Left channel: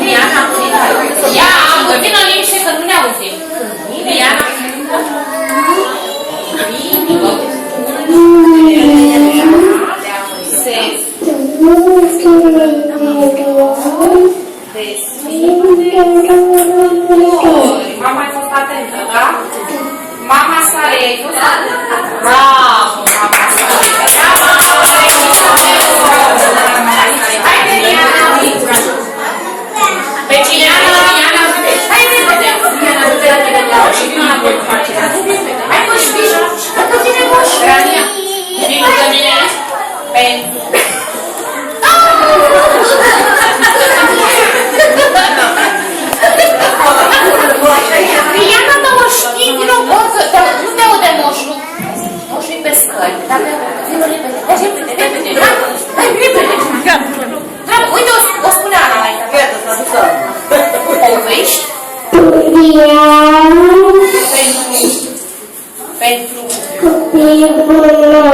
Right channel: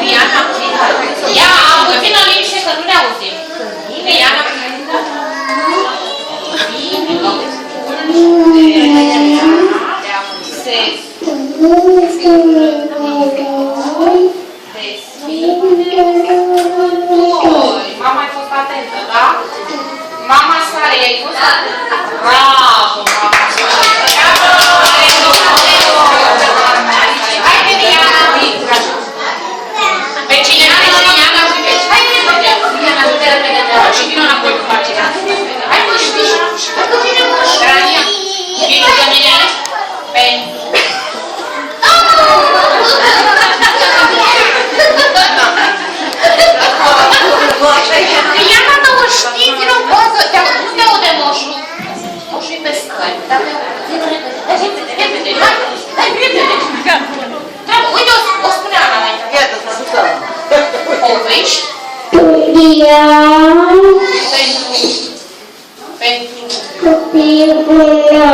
Liana, ia, că vină liniște să nu ne auzim. Liana. Mama ai fost atentă, da? Mama sa ai fost atentă. Bravo, mama sa. Haide, Liana. Pe cine? Liana, haide, vedem. Liana, du-te la vedem. Și vină la voi cu facerea. Hai, mă, știi? Dacă vine moș. Rania, vine de mine. Liana, dar o știi, din o poză, nu te aude moșul. Moșul-i pe scări. Repede, hai, repede. Uite, o spune Ana mai. Povești? Pentru copilul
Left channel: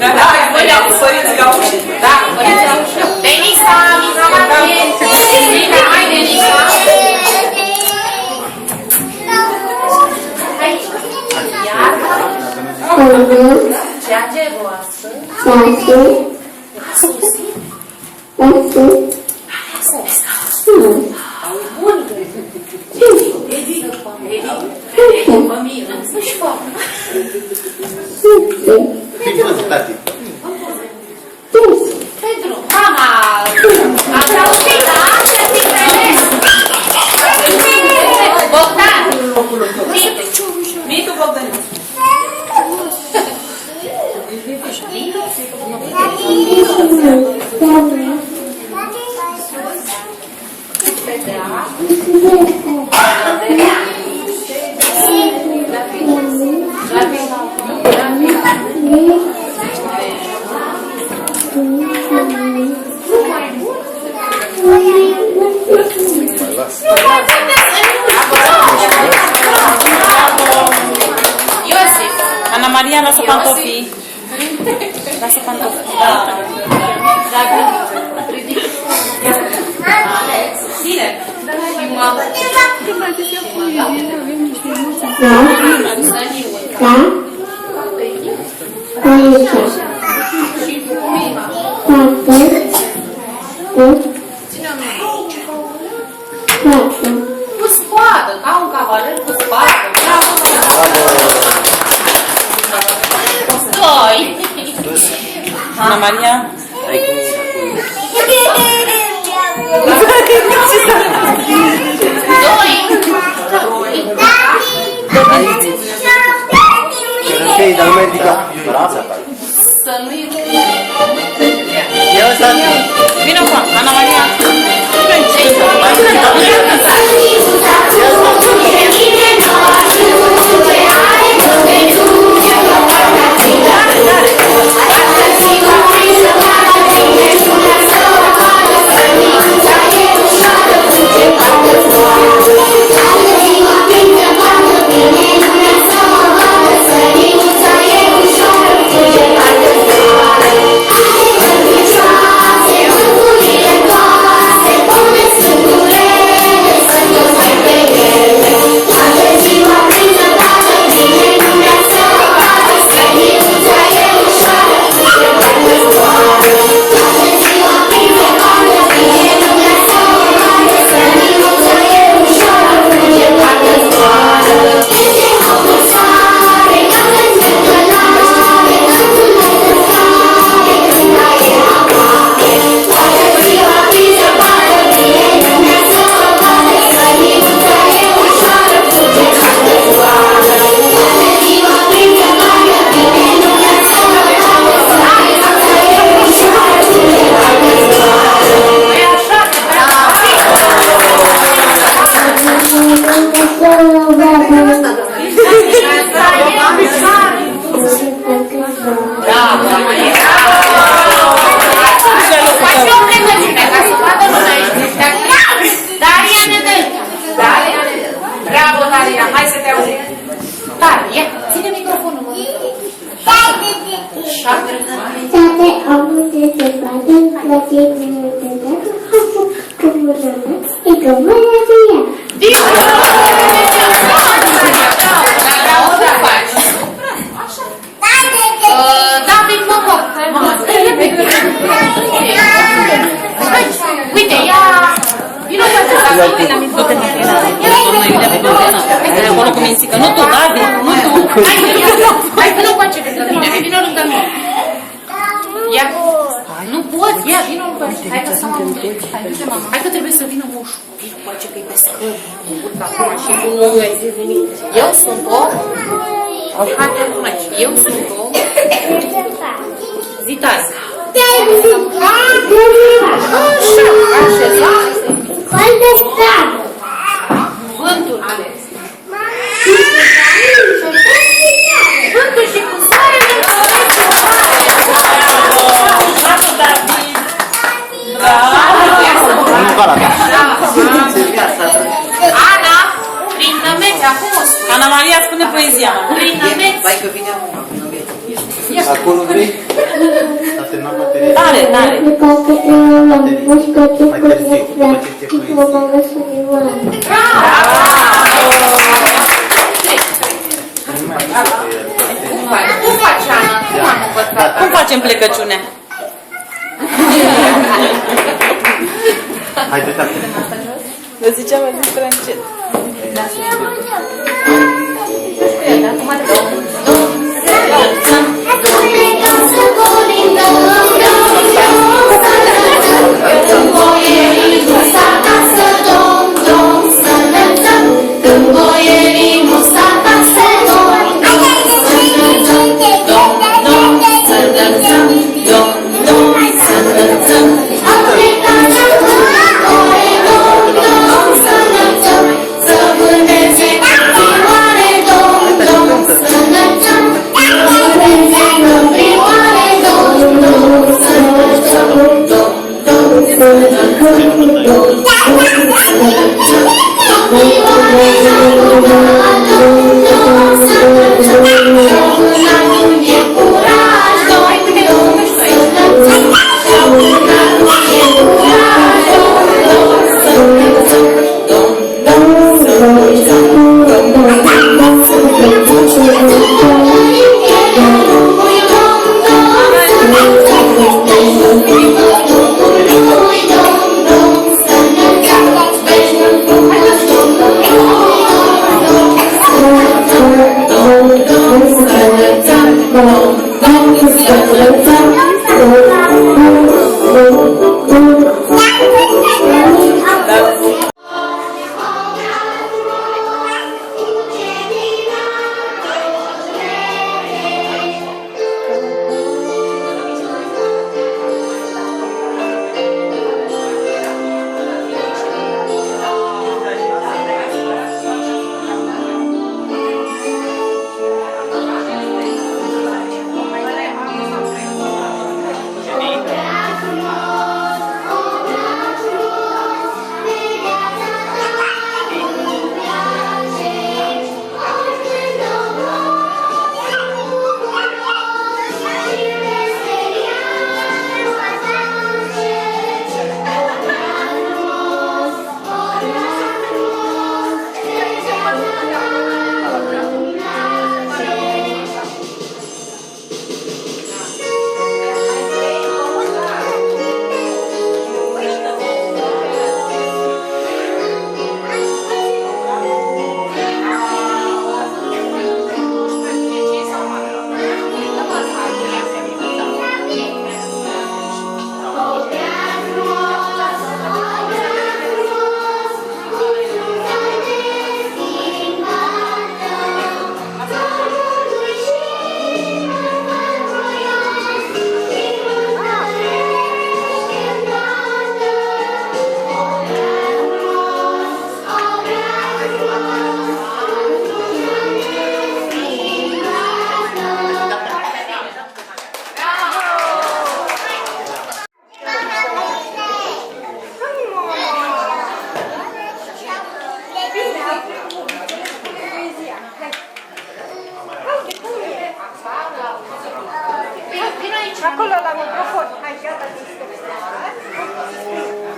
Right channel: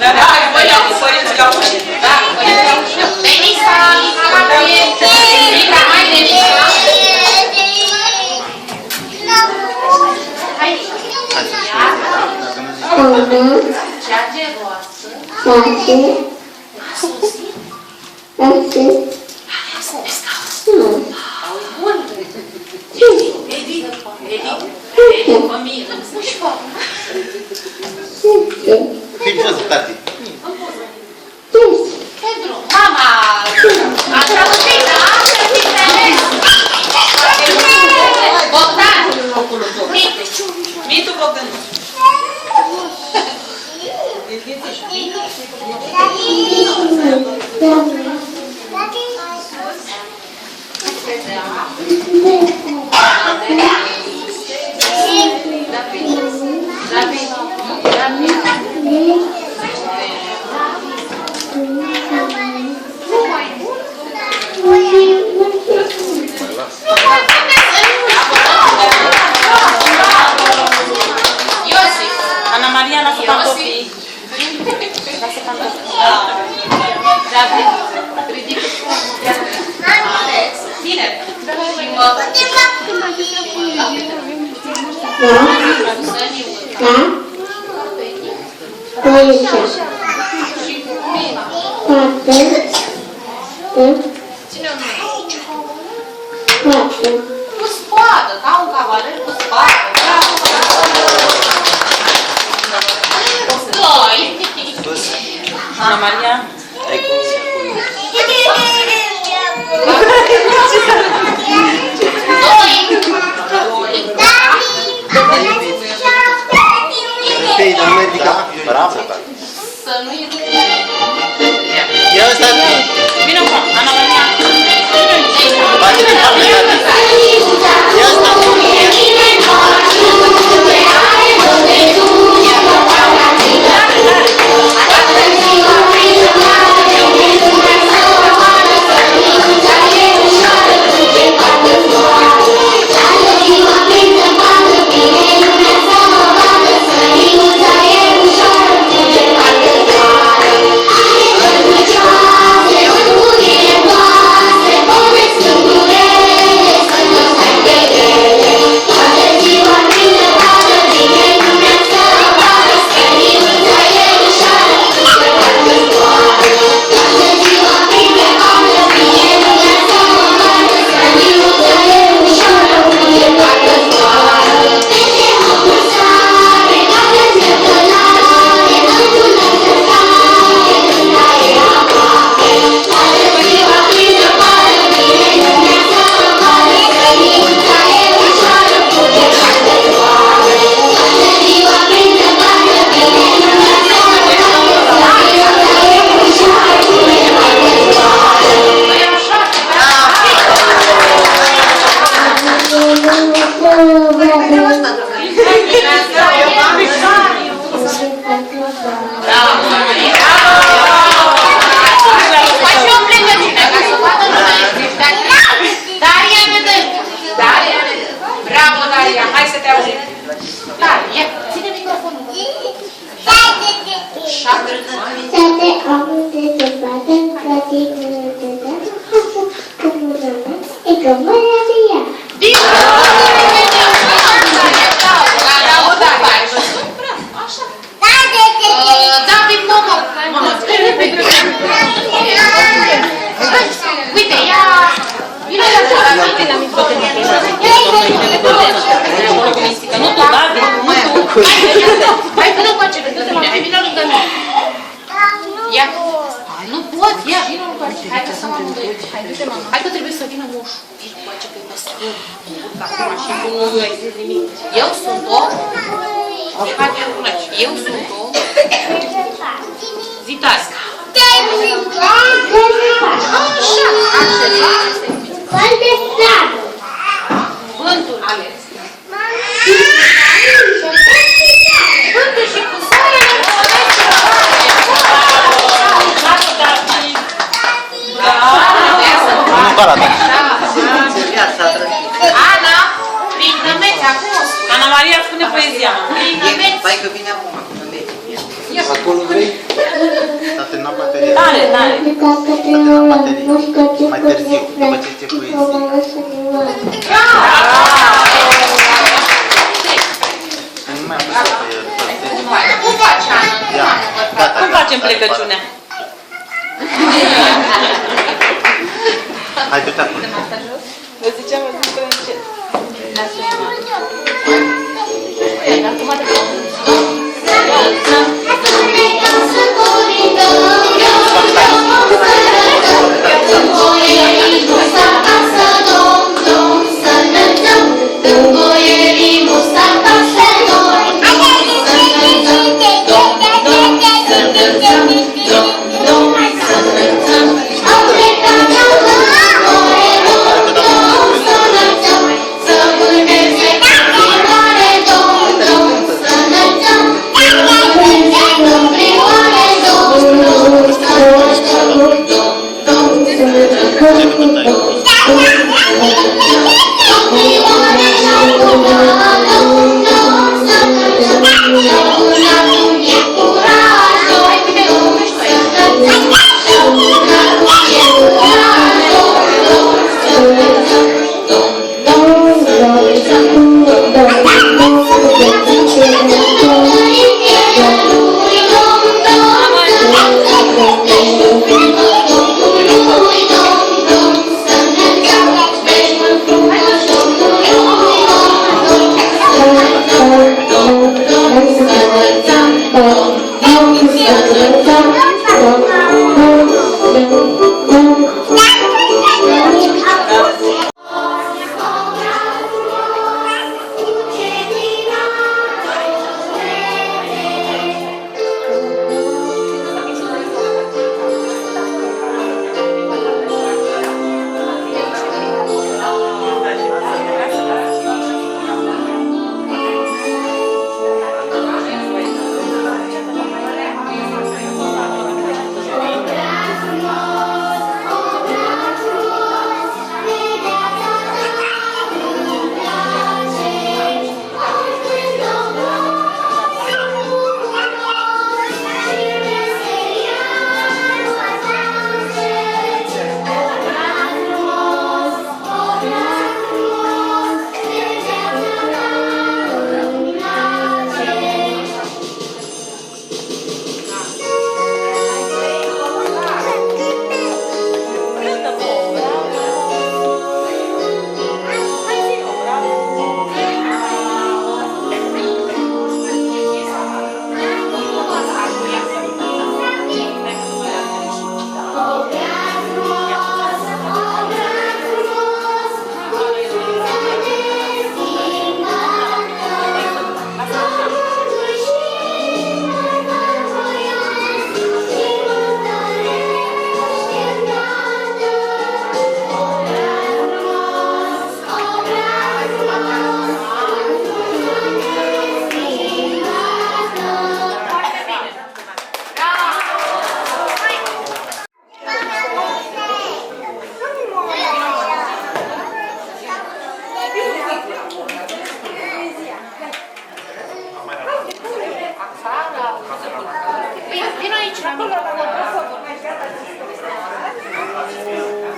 Da, voi le-ați părinții la ușă. Da, părinții la ușă. Denisa, Nicolate, Rita, hai Denisa. Hai, iar. Ceage roasă. Fii văzut, tati. Pedro, mama, ați auzit, da? Ați înțeles? Bogdan! Mitu Bogdanici. Ana Maria, lasă pantofii. Lasă pantofii. Bine. Cu spadă, ca un cavaler cu spadă. Doi. Ana Maria. Da, bravo, tati. Să nu-i Ia tati. Vino cu Ana Maria. Bate-ne palme, tati. Ia tati. Uite, ia... Vino să Acolo cu mințică. Nu tu, da? Hai, vină cu acele lângă mine, hai, vină lângă mine. Ia, nu pot, ia, vină cu acele. Hai că stăm amândoi. Hai, du-te, mama. Hai că trebuie să vină moșul. Vină cu acele, că-i pe scări. Acum și nu ai zis nimic. Eu sunt o... Eu sunt o... Zitați. Vântul. Vântul și cu soarele. Bravo, David. Nu ca arată. Ana, prin nămeți, acum o spune. Ana Maria spune poezia. Prin nămeți. Vai că vine acum, cu nămeți. Acolo vrei? terminat bateria. Tare, tare. S-a terminat bateria. Mai târziu, după ce ce poezie. Nu mai am pus pe el. Cum faci, Ana? Cum am învățat? Cum facem plecăciunea? Hai, du-te acolo. Vă ziceam, vă zic prea încet.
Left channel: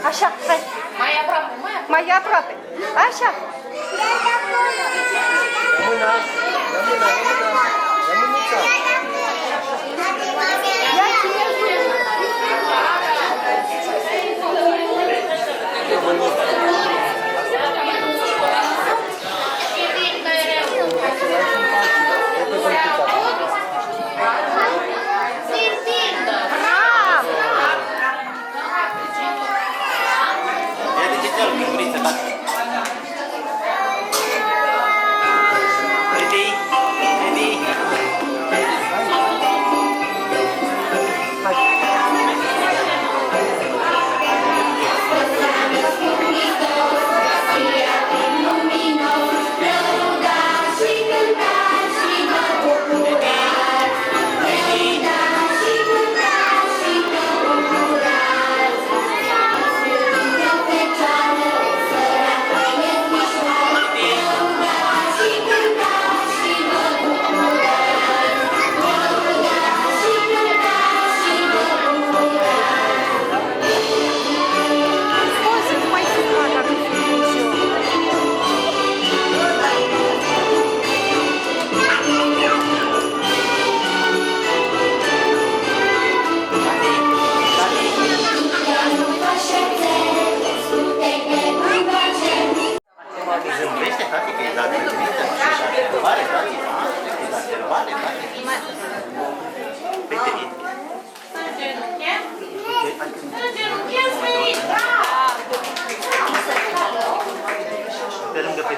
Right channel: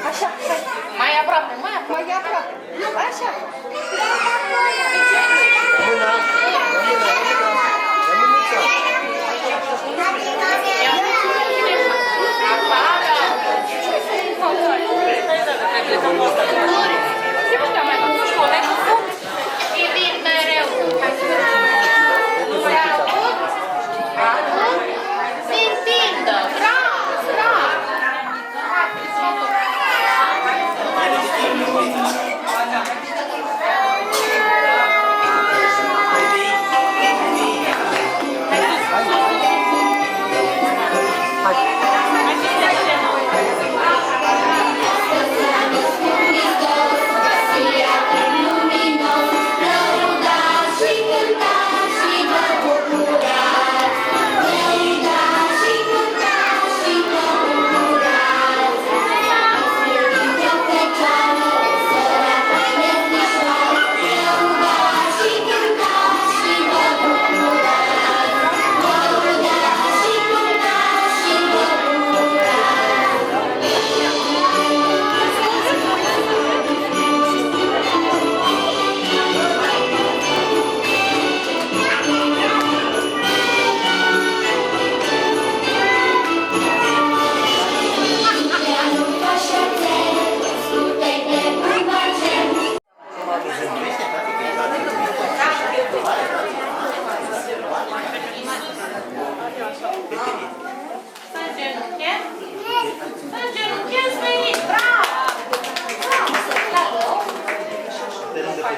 Așa, hai. Mai aproape, mai aproape. Mai aproape. Așa.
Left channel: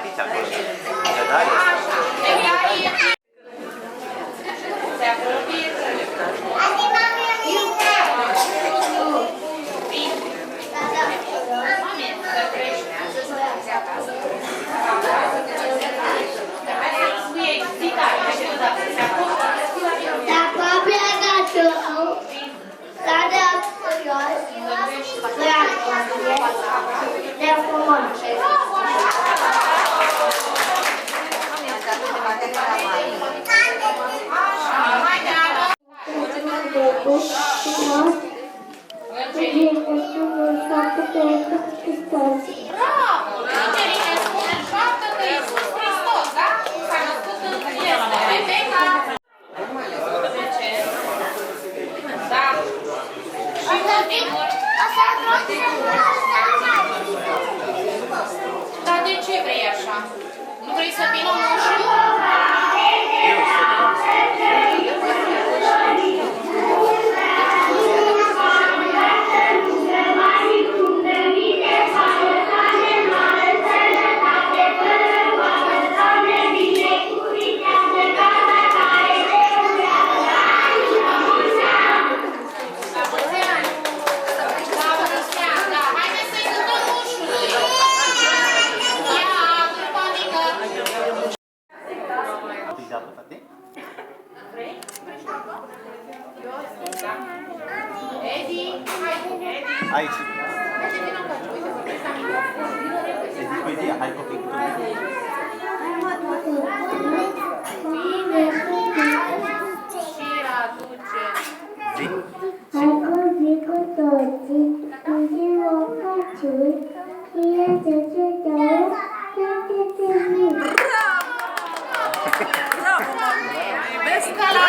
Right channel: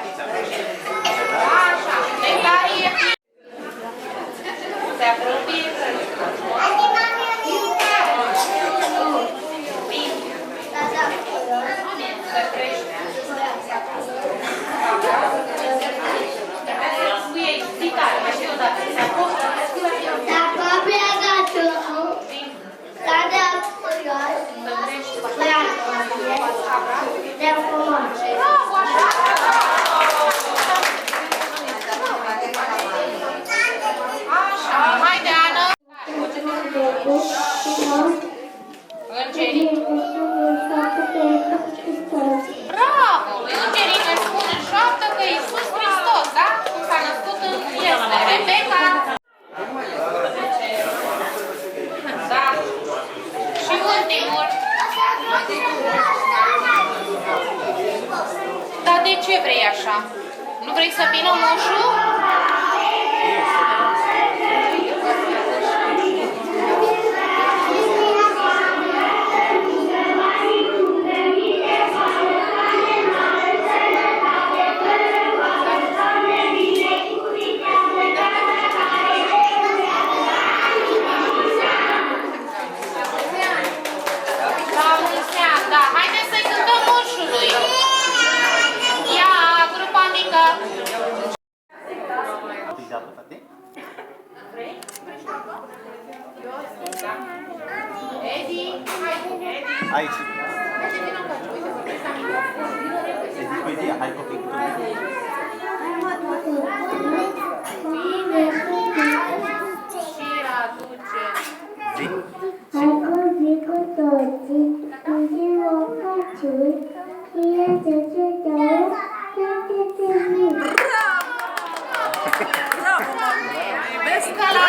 aici, acolo. Așa, deci aici. Te apropii. Dacă a plecat cade jos, de frumos. Așa, haide, Ana. Îngerii. Bravo! Îngerii ne spun în șoaptă că Iisus Hristos, da? S-a născut în viață. Rebecca. Da. Și ultimul. Dar de ce vrei așa? Nu vrei să vină moșul? Aici. Edi, hai copii cu tine. Și aduce. Zi. Vezi că la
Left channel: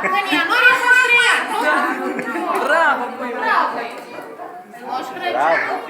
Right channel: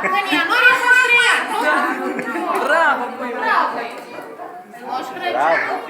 Cănianori a fost 3 ani, nu? Bravo! Bravo! Moș Crăciun.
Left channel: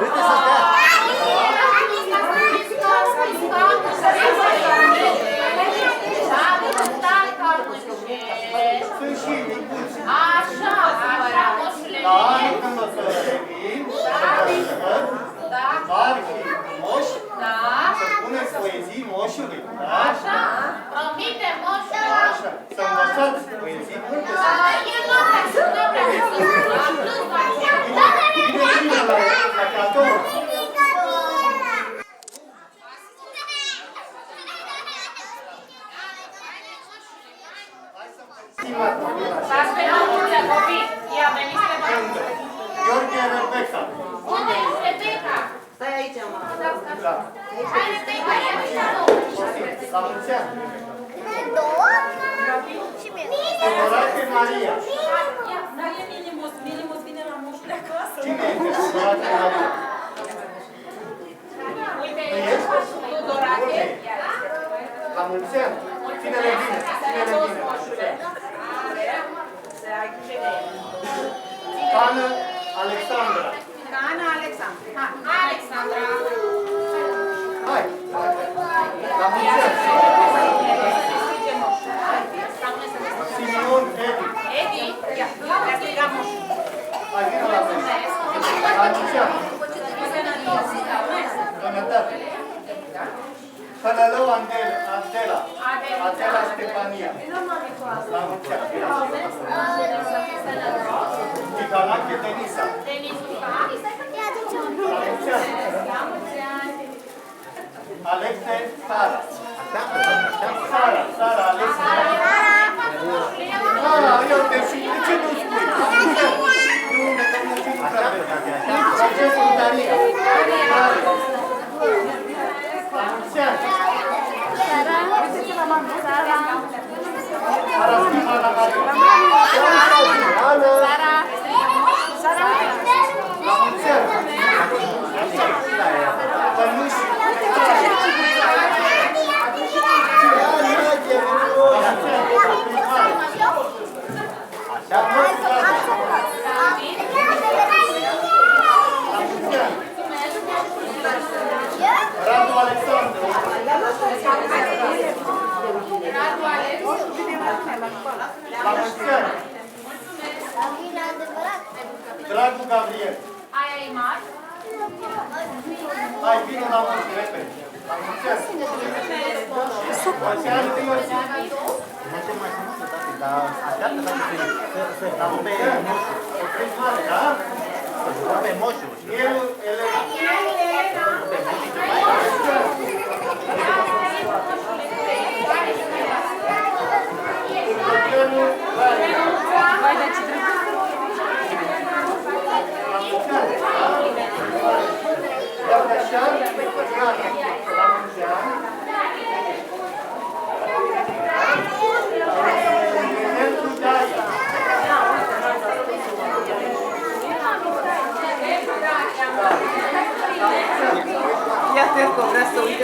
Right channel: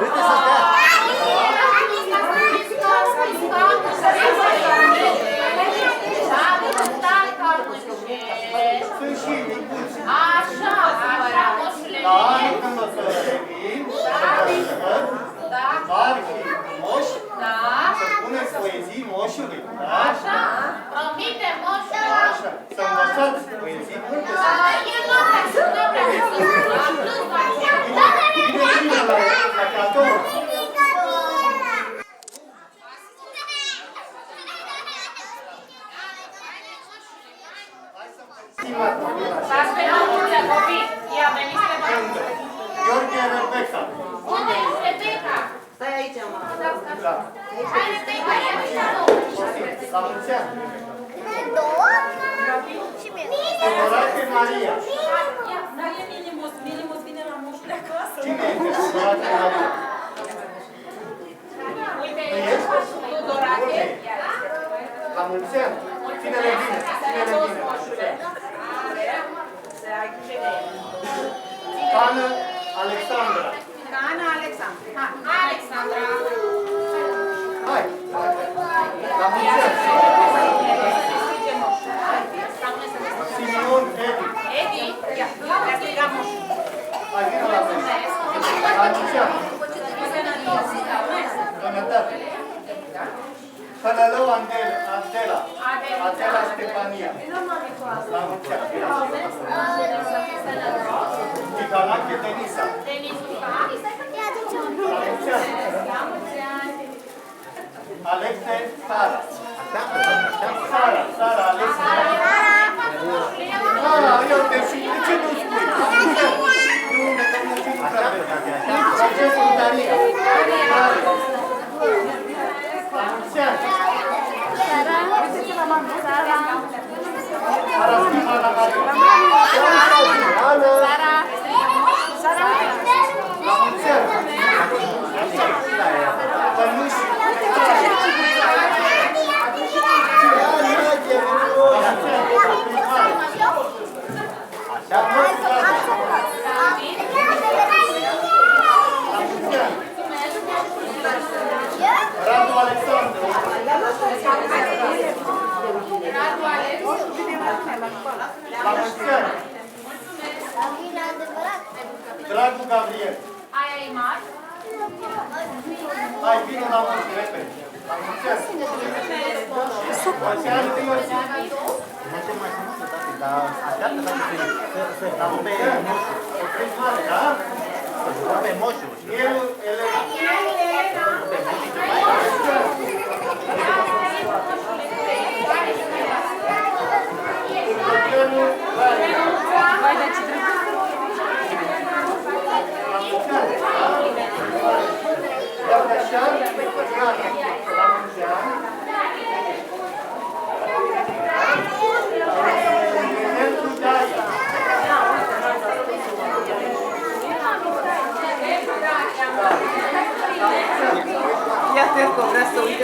Uite să stea. Sunt și micuți. Așa, așa, moșule. La anul când o să revin, mari și moși, Da, să puneți poezii moșului. Da? așa, promite moșule. Așa. Să învățați poezii multe. El nu vrea să nu vrea să Bine bine la cadou. Stați pe nomuță, copii. Ia, veniți pe nomuță. Gheorghe Rebecca. Unde este Rebecca? Stai aici, mă. Da. Hai, Rebecca, ia veniți la La mulți ani. Și mie. Dorache Maria. Minimos vine la moșule acasă. Cine este Dorache Maria? Uite, Nu ești? Dorache. La mulți ani. Cine-le vine? Cine-le vine? Hană Alexandra. Ana Alexandra. Alexandra. Hai. La mulți ani. Simion Edi. Edi, ia, le strigam moș. Hai, vină la mine. La mulți ani. Sănătate. Hălălău Adela. Adela Stefania. La mulți ani. Ticanache Denisa. Denisuca. La mulți ani. Alexe Sara. Sara, Alexe. Eu te știu. De ce nu spui? Francescu Daria. La mulți ani. Sara Stimana Maria. Ana. La mulți ani. Pănuși. Radu Alexandru. La mulți ani. Dragul Gabriel. Aia e mare. Hai, vină la mulți, repede. La mulți ani. Mulți ani, Iosif. Dar așteaptă să rupe moșul. O crezi mare, da? Să rupe moșul. Eu, Elena. Rupe moșul. Următorul, Rania. Vai, dar ce trebuie? La mulți ani. Iar așa, Rania. La mulți ani. Pentru Daria. Ia te că vrea să uite.